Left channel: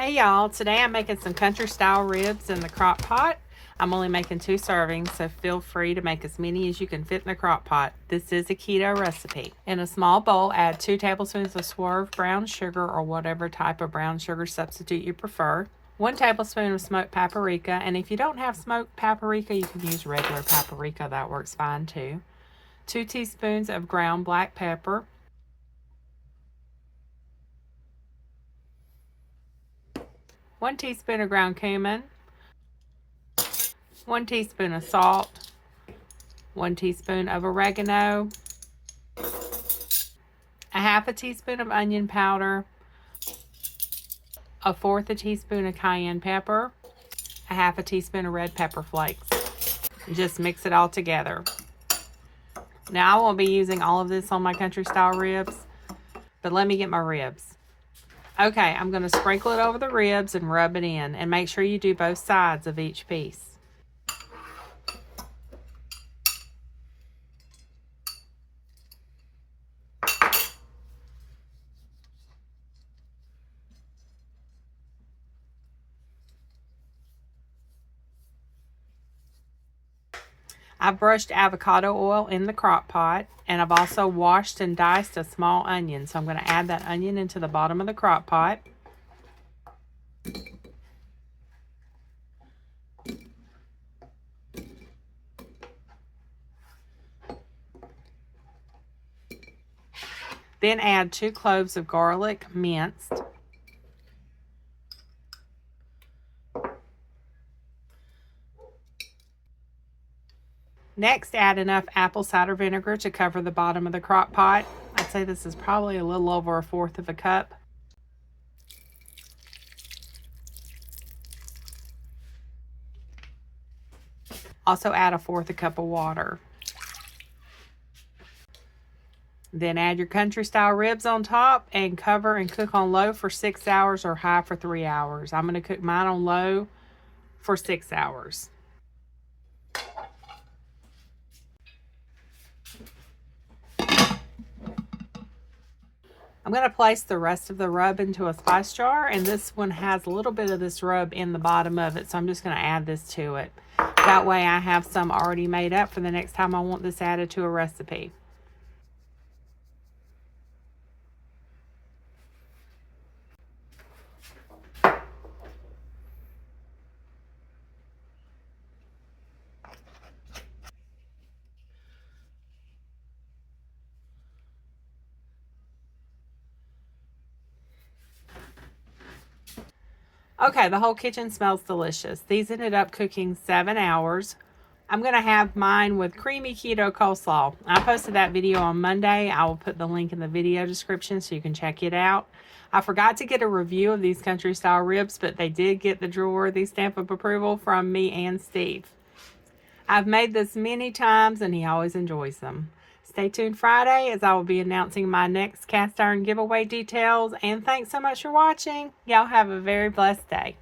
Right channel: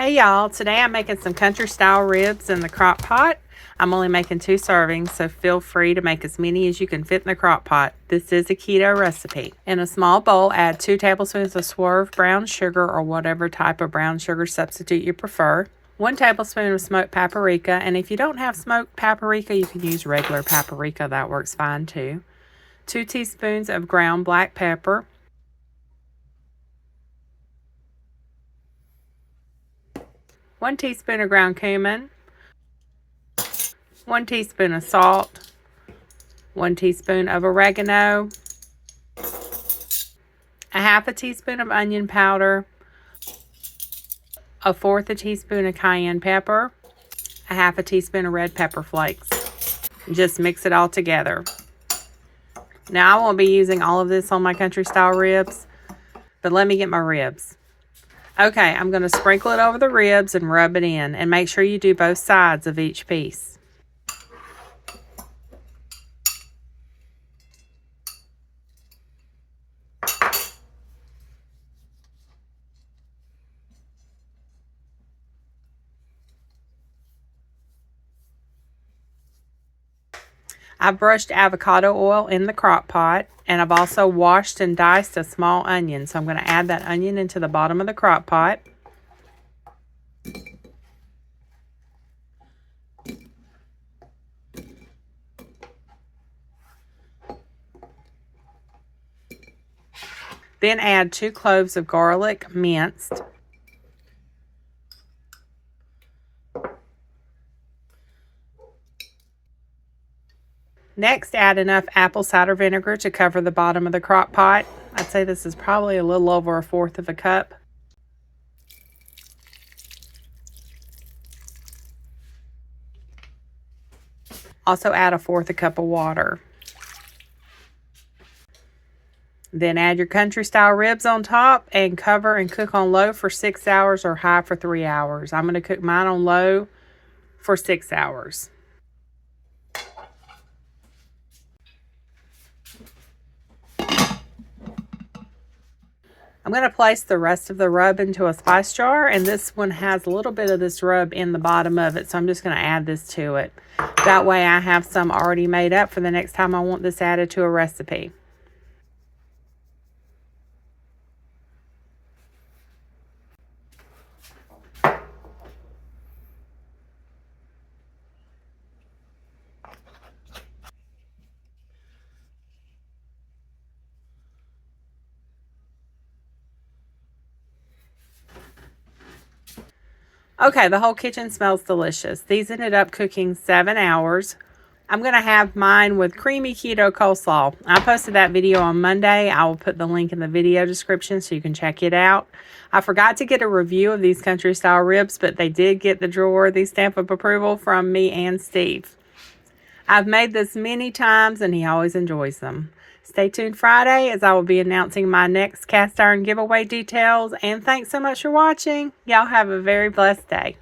Hey y'all, today I'm making some country style ribs in the crock pot. I'm only making 2 servings, so feel free to make as many as you can fit in the crock pot. This is a keto recipe. In a small bowl, add 2 tablespoons of swerve brown sugar or whatever type of brown sugar substitute you prefer. 1 tablespoon of smoked paprika, and if you don't have smoked paprika, you can use regular paprika. That works fine too. 2 teaspoons of ground black pepper. 1 teaspoon of ground cumin, 1 teaspoon of salt, 1 teaspoon of oregano, a half a teaspoon of onion powder, 1/4 a teaspoon of cayenne pepper, a half a teaspoon of red pepper flakes. Just mix it all together. Now I won't be using all of this on my country style ribs, but let me get my ribs. Okay, I'm going to sprinkle it over the ribs and rub it in, and make sure you do both sides of each piece. I've brushed avocado oil in the crock pot, and I've also washed and diced a small onion. So I'm going to add that onion into the bottom of the crock pot. Then add 2 cloves of garlic minced. Next, add enough apple cider vinegar to cover the bottom of the crock pot. I'd say this is probably a little over 1/4 of a cup. Also add 1/4 a cup of water. Then add your country style ribs on top and cover and cook on low for 6 hours or high for 3 hours. I'm going to cook mine on low for 6 hours. I'm going to place the rest of the rub into a spice jar, and this one has a little bit of this rub in the bottom of it, so I'm just going to add this to it. That way I have some already made up for the next time I want this added to a recipe. Okay, the whole kitchen smells delicious. These ended up cooking 7 hours. I'm going to have mine with creamy keto coleslaw. I posted that video on Monday. I will put the link in the video description so you can check it out. I forgot to get a review of these country style ribs, but they did get the drawer-worthy stamp of approval from me and Steve. I've made this many times and he always enjoys them. Stay tuned Friday as I will be announcing my next cast iron giveaway details. And thanks so much for watching. Y'all have a very blessed day.